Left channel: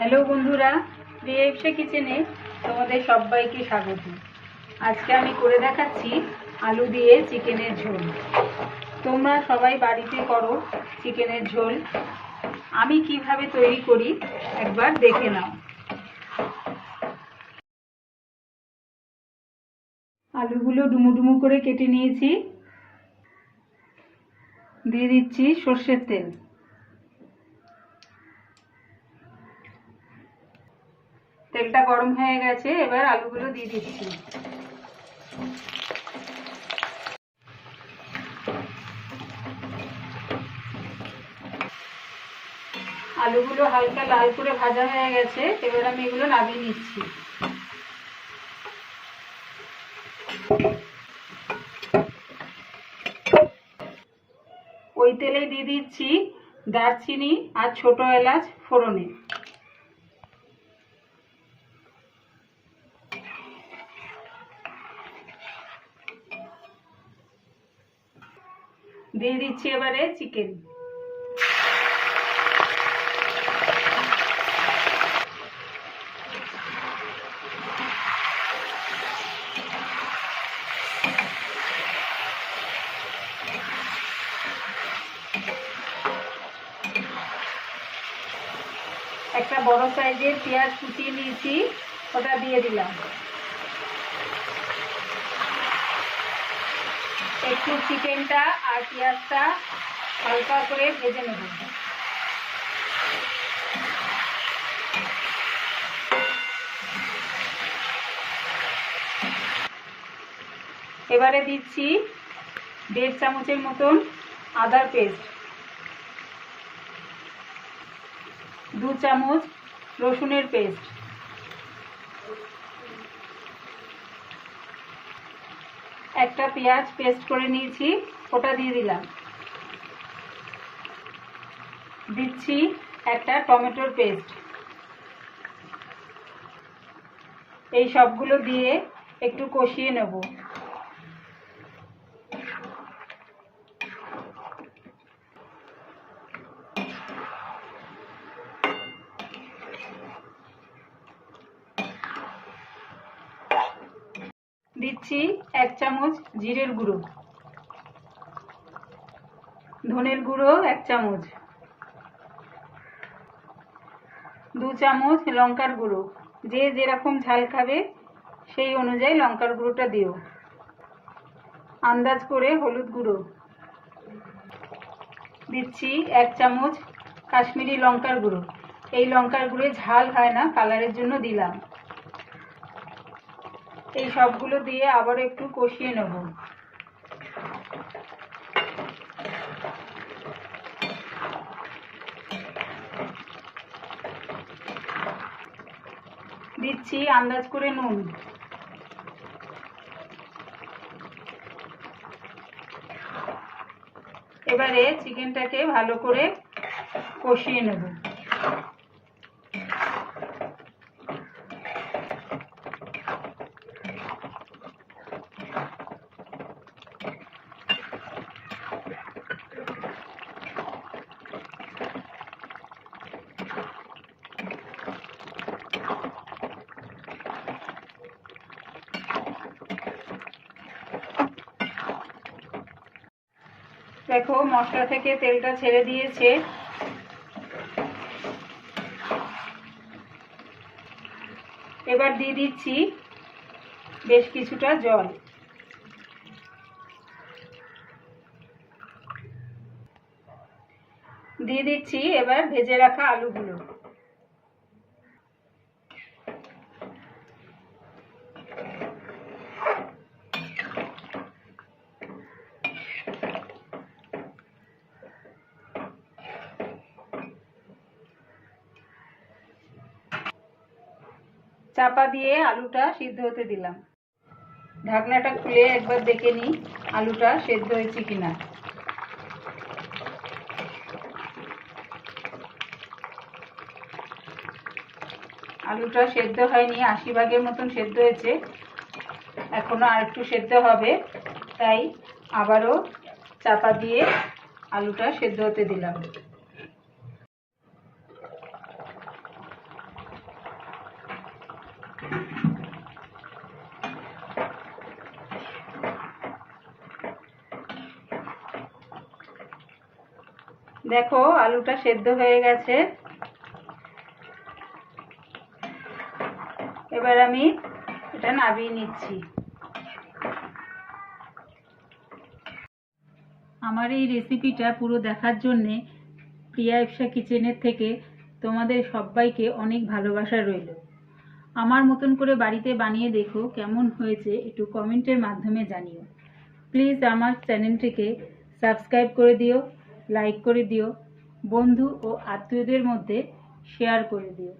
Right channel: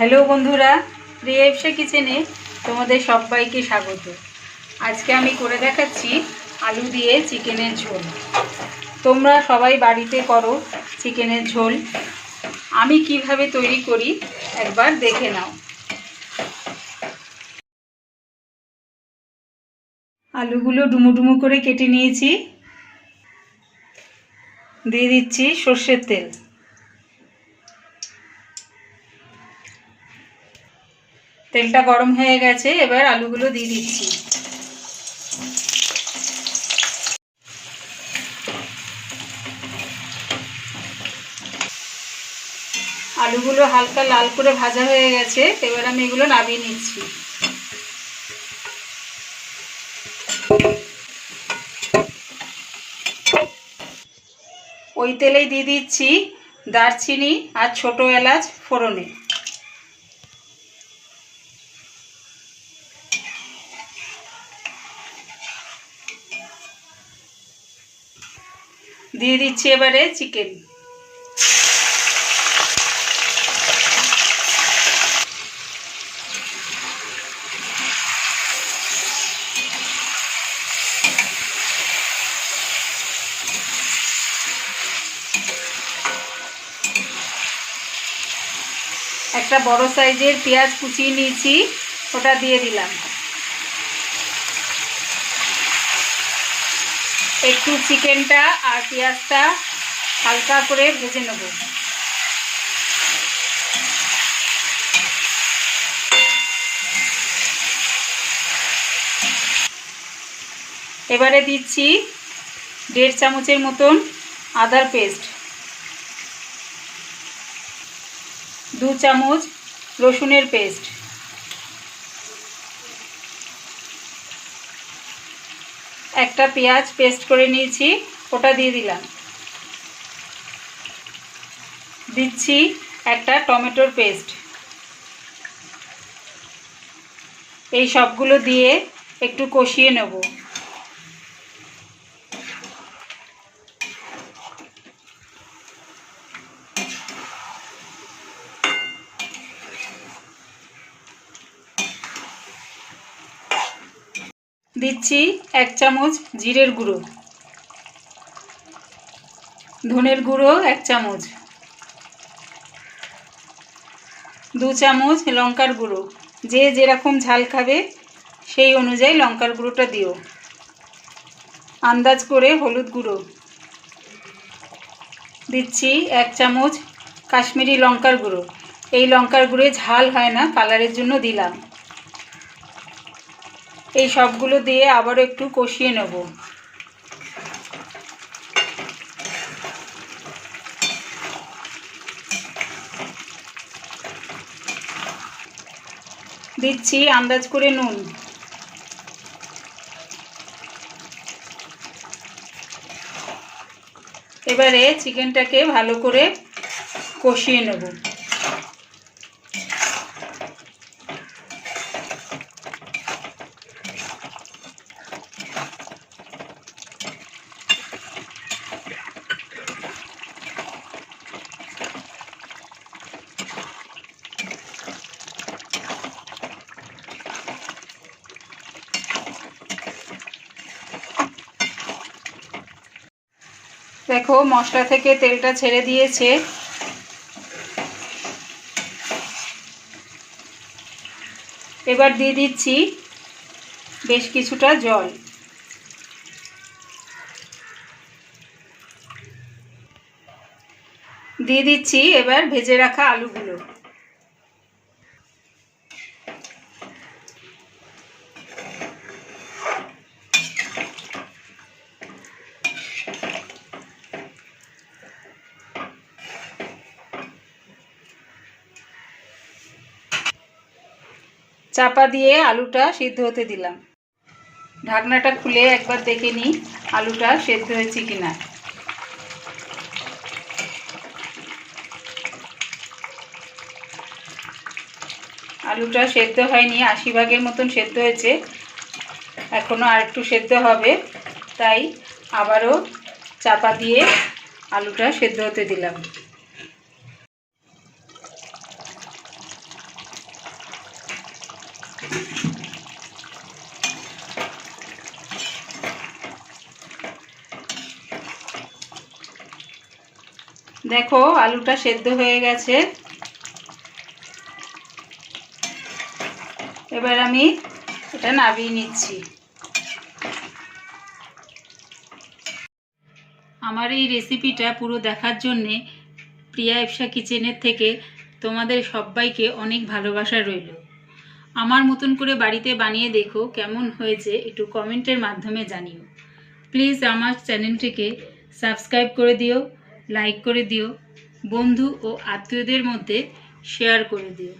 Hello বন্ধুরা, প্রিয়া ইপসা কিচেনে তোমাদের সবাইকে স্বাগত। আজকে আমি করে দেখাচ্ছি আলু দিয়ে চিকেনের ঝোল। তোমরা সবাই বাড়িতে করো চিকেনের ঝোল। আমি কিভাবে তৈরি করি একবার দেখে নাও। আলুগুলো ডুমো ডুমো করে কেটে নিয়েছি। দিয়ে দিচ্ছি সর্ষের তেল। তেলটা গরম হয়ে গেছে, এবার আলুগুলো দিয়ে দিচ্ছি। আলুগুলো হালকা লাল করে ভাজা হয়ে গেছে, এবার আমি এগুলো নামিয়ে নিচ্ছি। ওই তেলেই দিয়ে দিচ্ছি দারচিনি আর ছোট এলাচ ফোড়নে। দিয়ে দিচ্ছি এবারে চিকেন। একটা বড় সাইজের পেঁয়াজ কুচিয়ে নিয়েছি, ওটা দিয়ে দিলাম। একটু চিকেনটা আর পেঁয়াজটা হালকা করে ভেজে নেব। এবারে দিচ্ছি 1.5 চামচের মতন আদার পেস্ট, 2 চামচ রসুনের পেস্ট, একটা পেঁয়াজ পেস্ট করে নিয়েছি, ওটা দিয়ে দিলাম। দিচ্ছি একটা টমেটোর পেস্ট। এই সবগুলো দিয়ে একটু কষিয়ে নেব। দিচ্ছি 1 চামচ জিরের গুঁড়ো, ধনের গুঁড়ো 1 চামচ, 2 চামচ লঙ্কার গুঁড়ো। যে যেরকম ঝাল খাবে সেই অনুযায়ী লঙ্কার গুঁড়োটা দিও। আন্দাজ করে হলুদ গুঁড়ো দিচ্ছি 1 চামচ কাশ্মীরি লঙ্কার গুঁড়ো। এই লঙ্কার গুঁড়োয় ঝাল হয় না, কালারের জন্য দিলাম। এই সবগুলো দিয়ে আবার একটু কষিয়ে নেব। দিচ্ছি আন্দাজ করে নুন। এবারে চিকেনটাকে ভালো করে কষিয়ে নেব। দেখো মশলা থেকে তেলটা ছেড়ে দিয়েছে। এবার দিয়ে দিচ্ছি বেশ কিছুটা জল। দিয়ে দিচ্ছি এবার ভেজে রাখা আলুগুলো। চাপা দিয়ে আলুটা সিদ্ধ হতে দিলাম। ঢাকনাটা খুলে একবার দেখে নিই আলুটা সেদ্ধ হয়েছে কিনা। আলুটা সেদ্ধ হয়নি, 80 ভাগের মতন সেদ্ধ হয়েছে, এখনো আর একটু সেদ্ধ হবে, তাই আবারও চাপা দিয়ে আলুটা সেদ্ধ হতে দিলাম। দেখো আলুটা সেদ্ধ হয়ে গেছে। এবার আমি এটা নামিয়ে নিচ্ছি। আমার এই রেসিপিটা পুরো দেখার জন্যে প্রিয়া ইপসা কিচেনের থেকে তোমাদের সবাইকে অনেক ভালোবাসা রইল। আমার মতন করে বাড়িতে বানিয়ে দেখো কেমন হয়েছে, একটু কমেন্টের মাধ্যমে জানিও। প্লিজ আমার চ্যানেলটিকে সাবস্ক্রাইব করে দিও, লাইক করে দিও, বন্ধু ও আত্মীয়দের মধ্যে শেয়ার করে দিও।